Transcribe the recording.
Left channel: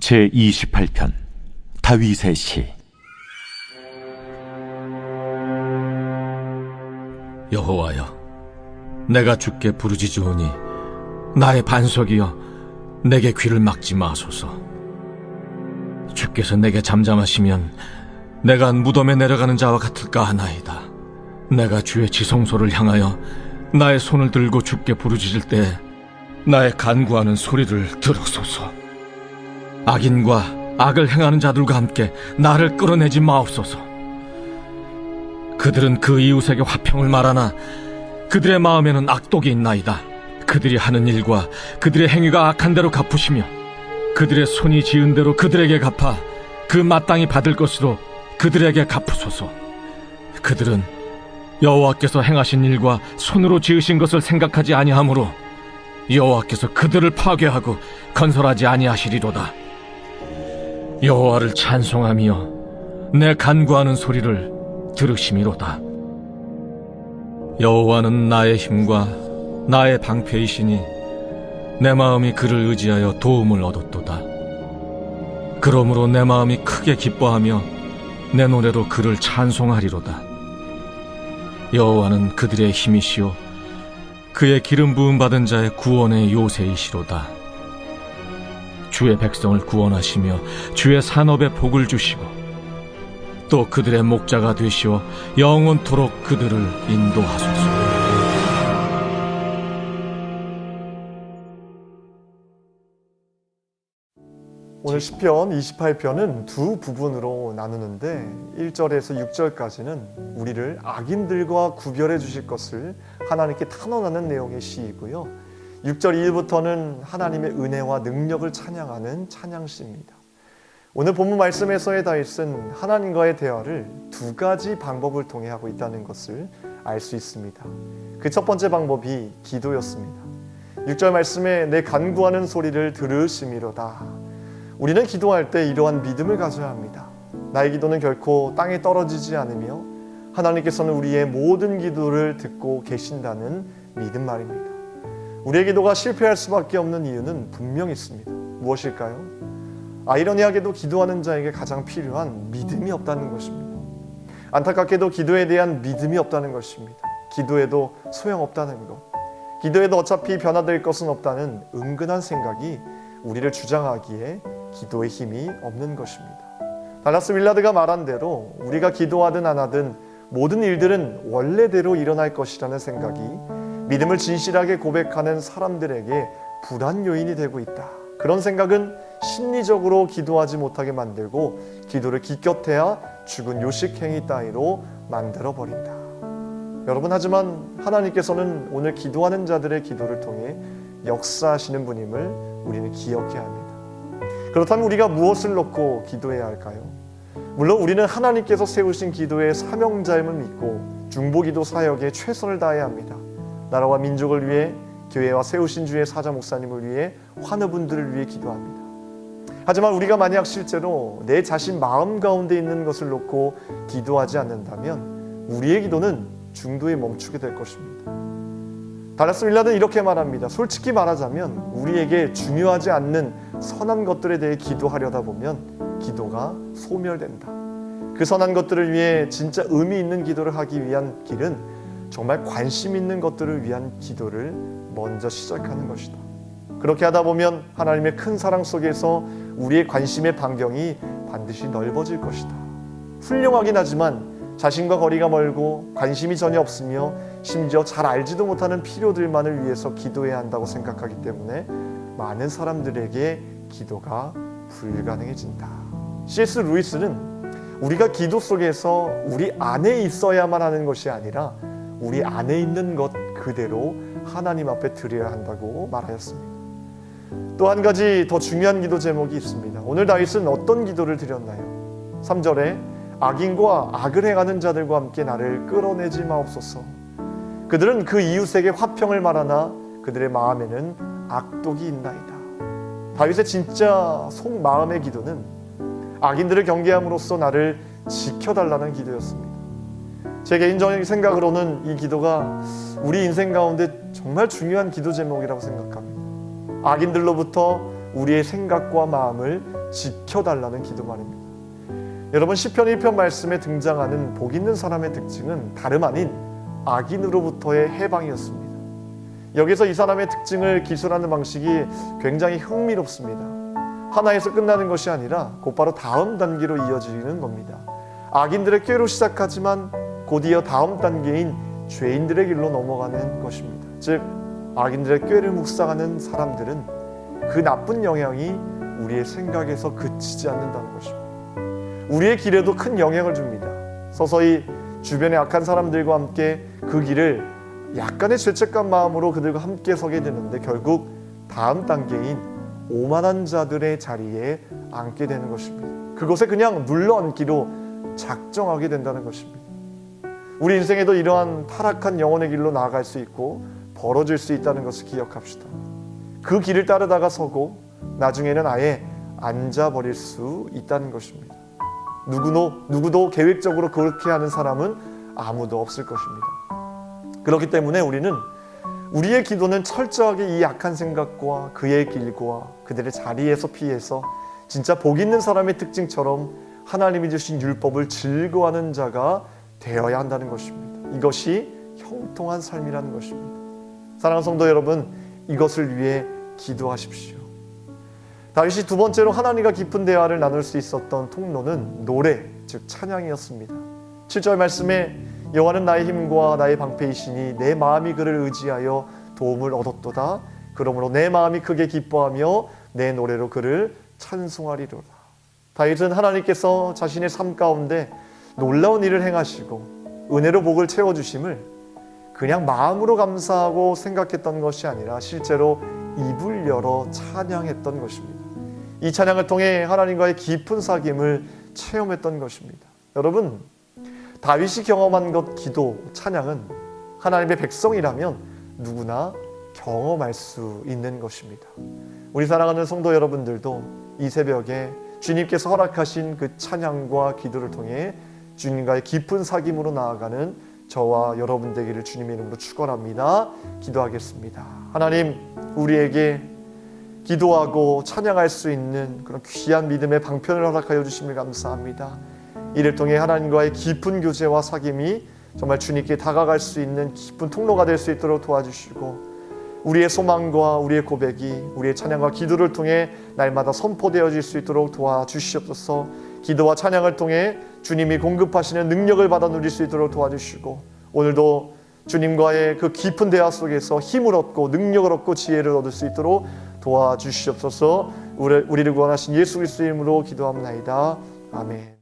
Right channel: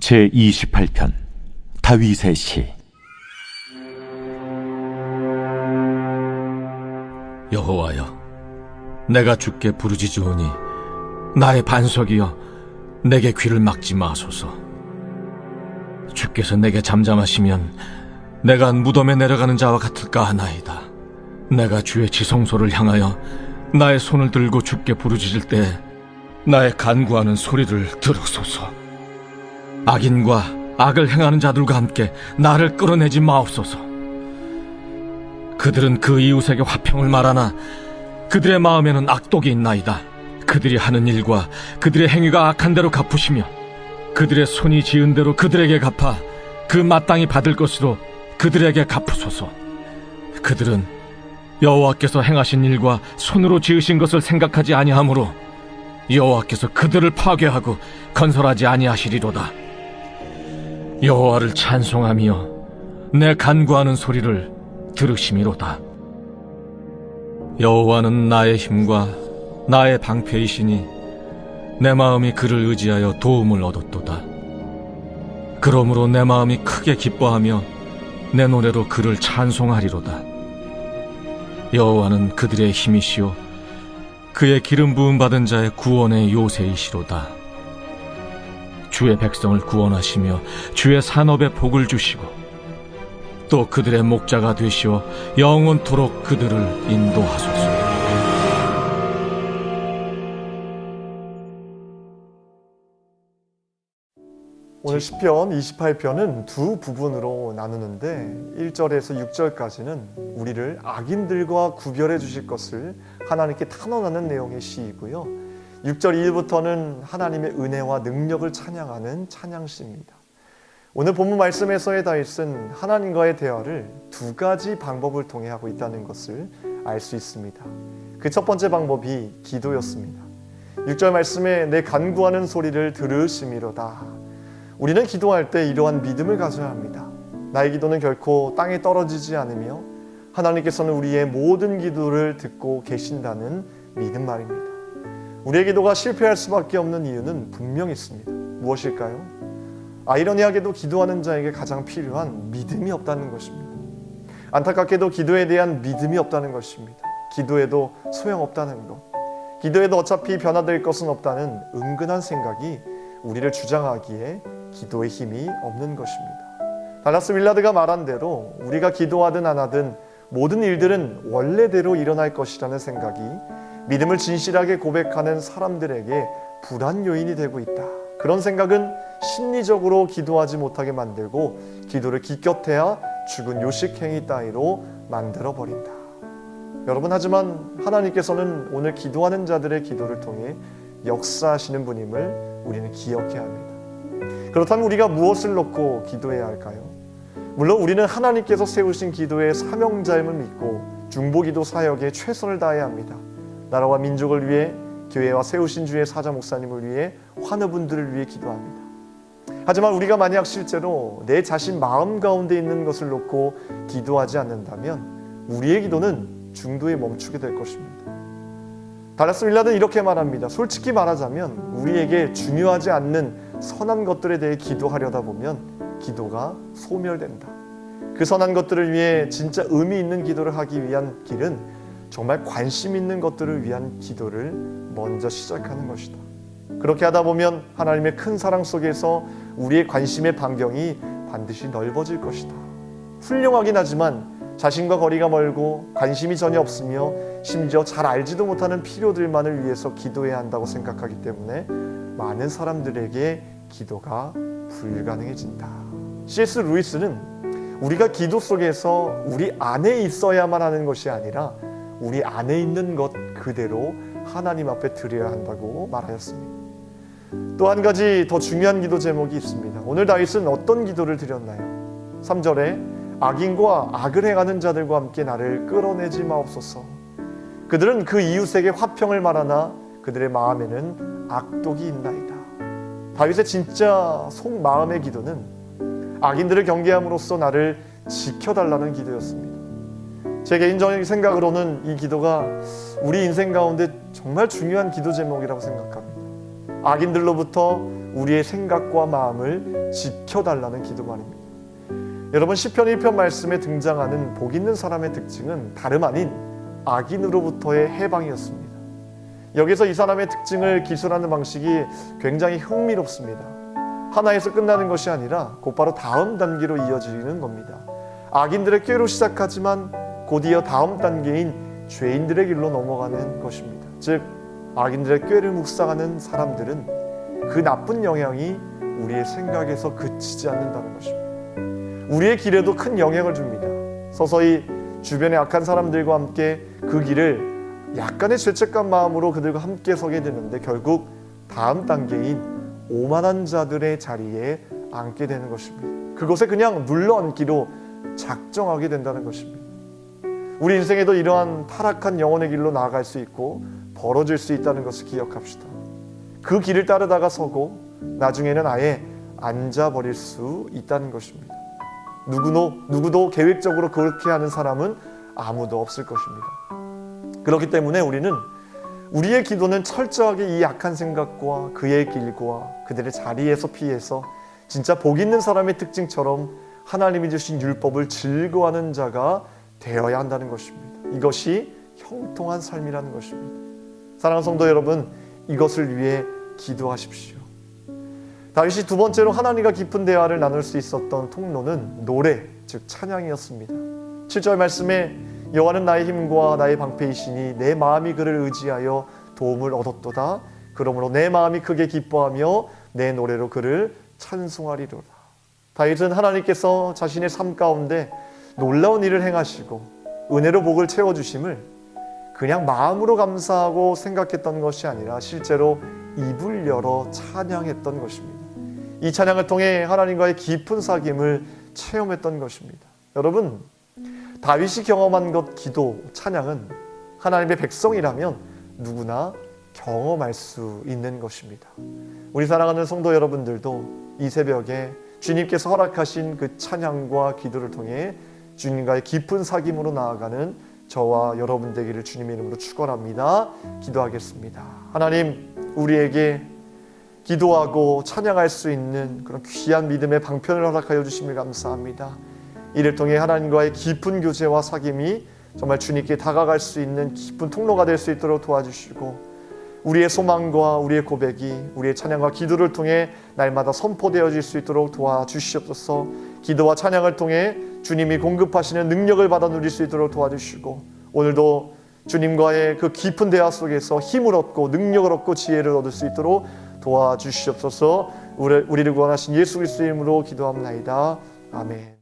제28편 다윗의 시. 여호와여, 내가 주께 부르짖으오니 나의 반석이여, 내게 귀를 막지 마소서. 주께서 내게 잠잠하시면 내가 무덤에 내려가는 자와 같을까 하나이다. 내가 주의 지성소를 향하여 나의 손을 들고 주께 부르짖을 때 나의 간구하는 소리를 들으소서. 악인과 악을 행하는 자들과 함께 나를 끌어내지 마옵소서. 그들은 그 이웃에게 화평을 말하나 그들의 마음에는 악독이 있나이다. 그들이 하는 일과 그들의 행위가 악한 대로 갚으시며 그들의 손이 지은 대로 그들에게 갚아 그 마땅히 받을 것으로 그들에게 갚으소서. 그들은 여호와께서 행하신 일과 손으로 지으신 것을 생각하지 아니하므로 여호와께서 그들을 파괴하고 건설하지 아니하시리로다. 여호와를 찬송하며 내 간구하는 소리를 들으심이로다. 여호와는 나의 힘과 나의 방패이시니 내 마음이 그를 의지하여 도움을 얻었도다. 그러므로 내 마음이 크게 기뻐하며 내 노래로 그를 찬송하리로다. 여호와는 그들의 힘이시오, 그의 기름 부음 받은 자의 구원의 요새이시로다. 주의 백성을 구원하시며 주의 산업에 복을 주시고 또 그들의 목자가 되시어 영원토록 그들을 인도하소서. 오늘 시편 28편은 두 부분으로 나누는데 1절에서 6절까지는 우리를 악인들과 구별해 주실 것을 하나님께 탄원하는 내용의 시이고요. 6절 이후부터는 하나님의 은혜와 능력을 찬양하는 찬양시입니다. 오늘 본문 말씀에서의 다윗은 하나님과의 대화를 두 가지 방법을 통해 하고 있다는 것을 알 수 있습니다. 그 첫 번째 방법이 기도였습니다. 6절 말씀에 내 간구하는 소리를 들으심이로다. 우리는 기도할 때 이러한 믿음을 가져야 합니다. 나의 기도는 결코 땅에 떨어지지 않으며 하나님께서는 우리의 모든 기도를 듣고 계신다는 믿음 말입니다. 우리의 기도가 실패할 수밖에 없는 이유는 분명히 있습니다. 무엇일까요? 아이러니하게도 기도하는 자에게 가장 필요한 믿음이 없다는 것입니다. 안타깝게도 기도에 대한 믿음이 없다는 것입니다. 기도해도 소용없다는 것, 기도해도 어차피 변화될 것은 없다는 은근한 생각이 우리를 주장하기에 기도의 힘이 없는 것입니다. 달라스 윌라드가 말한 대로 우리가 기도하든 안 하든 모든 일들은 원래대로 일어날 것이라는 생각이 믿음을 진실하게 고백하는 사람들에게 불안 요인이 되고 있다. 그런 생각은 심리적으로 기도하지 못하게 만들고 기도를 기껏해야 죽은 요식행위 따위로 만들어버린다. 여러분, 하지만 하나님께서는 오늘 기도하는 자들의 기도를 통해 역사하시는 분임을 우리는 기억해야 합니다. 그렇다면 우리가 무엇을 놓고 기도해야 할까요? 물론 우리는 하나님께서 세우신 기도의 사명자임을 믿고 중보기도 사역에 최선을 다해야 합니다. 나라와 민족을 위해, 교회와 세우신 주의 사자 목사님을 위해, 환우분들을 위해 기도합니다. 하지만 우리가 만약 실제로 내 자신 마음 가운데 있는 것을 놓고 기도하지 않는다면 우리의 기도는 중도에 멈추게 될 것입니다. 달라스 윌라드는 이렇게 말합니다. 솔직히 말하자면 우리에게 중요하지 않는 선한 것들에 대해 기도하려다 보면 기도가 소멸된다. 그 선한 것들을 위해 진짜 의미 있는 기도를 하기 위한 길은 정말 관심 있는 것들을 위한 기도를 먼저 시작하는 것이다. 그렇게 하다 보면 하나님의 큰 사랑 속에서 우리의 관심의 반경이 반드시 넓어질 것이다. 훌륭하긴 하지만 자신과 거리가 멀고 관심이 전혀 없으며 심지어 잘 알지도 못하는 필요들만을 위해서 기도해야 한다고 생각하기 때문에 많은 사람들에게 기도가 불가능해진다. C.S. 루이스는 우리가 기도 속에서 우리 안에 있어야만 하는 것이 아니라 우리 안에 있는 것 그대로 하나님 앞에 드려야 한다고 말하였습니다. 또 한 가지 더 중요한 기도 제목이 있습니다. 오늘 다윗은 어떤 기도를 드렸나요? 3절에 악인과 악을 행하는 자들과 함께 나를 끌어내지 마옵소서. 그들은 그 이웃에게 화평을 말하나 그들의 마음에는 악독이 있나이다. 다윗의 진짜 속마음의 기도는 악인들을 경계함으로써 나를 지켜달라는 기도였습니다. 제 개인적인 생각으로는 이 기도가 우리 인생 가운데 정말 중요한 기도 제목이라고 생각합니다. 악인들로부터 우리의 생각과 마음을 지켜달라는 기도 말입니다. 여러분, 시편 1편 말씀에 등장하는 복 있는 사람의 특징은 다름 아닌 악인으로부터의 해방이었습니다. 여기서 이 사람의 특징을 기술하는 방식이 굉장히 흥미롭습니다. 하나에서 끝나는 것이 아니라 곧바로 다음 단계로 이어지는 겁니다. 악인들의 꾀로 시작하지만 곧이어 다음 단계인 죄인들의 길로 넘어가는 것입니다. 즉, 악인들의 꾀를 묵상하는 사람들은 그 나쁜 영향이 우리의 생각에서 그치지 않는다는 것입니다. 우리의 길에도 큰 영향을 줍니다. 서서히 주변의 악한 사람들과 함께 그 길을 약간의 죄책감 마음으로 그들과 함께 서게 되는데 결국 다음 단계인 오만한 자들의 자리에 앉게 되는 것입니다. 그곳에 그냥 눌러앉기로 작정하게 된다는 것입니다. 우리 인생에도 이러한 타락한 영혼의 길로 나아갈 수 있고 벌어질 수 있다는 것을 기억합시다. 그 길을 따르다가 서고 나중에는 아예 앉아버릴 수 있다는 것입니다. 누구도 계획적으로 그렇게 하는 사람은 아무도 없을 것입니다. 그렇기 때문에 우리는 우리의 기도는 철저하게 이 악한 생각과 그의 길과 그들의 자리에서 피해서 진짜 복 있는 사람의 특징처럼 하나님이 주신 율법을 즐거워하는 자가 되어야 한다는 것입니다. 이것이 형통한 삶이라는 것입니다. 사랑하는 성도 여러분, 이것을 위해 기도하십시오. 다윗이 두 번째로 하나님과 깊은 대화를 나눌 수 있었던 통로는 노래, 즉 찬양이었습니다. 7절 말씀에 여호와는 나의 힘과 나의 방패이시니 내 마음이 그를 의지하여 도움을 얻었도다. 그러므로 내 마음이 크게 기뻐하며 내 노래로 그를 찬송하리로다. 다윗은 하나님께서 자신의 삶 가운데 놀라운 일을 행하시고 은혜로 복을 채워주심을 그냥 마음으로 감사하고 생각했던 것이 아니라 실제로 입을 열어 찬양했던 것입니다. 이 찬양을 통해 하나님과의 깊은 사귐을 체험했던 것입니다. 여러분, 다윗이 경험한 것, 기도, 찬양은 하나님의 백성이라면 누구나 경험할 수 있는 것입니다. 우리 사랑하는 성도 여러분들도 이 새벽에 주님께서 허락하신 그 찬양과 기도를 통해 주님과의 깊은 사귐으로 나아가는 저와 여러분 되기를 주님의 이름으로 축원합니다. 기도하겠습니다. 하나님, 우리에게 기도하고 찬양할 수 있는 그런 귀한 믿음의 방편을 허락하여 주심을 감사합니다. 이를 통해 하나님과의 깊은 교제와 사귐이 정말 주님께 다가갈 수 있는 깊은 통로가 될 수 있도록 도와주시고, 우리의 소망과 우리의 고백이 우리의 찬양과 기도를 통해 날마다 선포되어질 수 있도록 도와주시옵소서. 기도와 찬양을 통해 주님이 공급하시는 능력을 받아 누릴 수 있도록 도와주시고, 오늘도 주님과의 그 깊은 대화 속에서 힘을 얻고 능력을 얻고 지혜를 얻을 수 있도록 도와주시옵소서. 우리를 구원하신 예수 그리스도의 이름으로 기도합나이다. 아멘.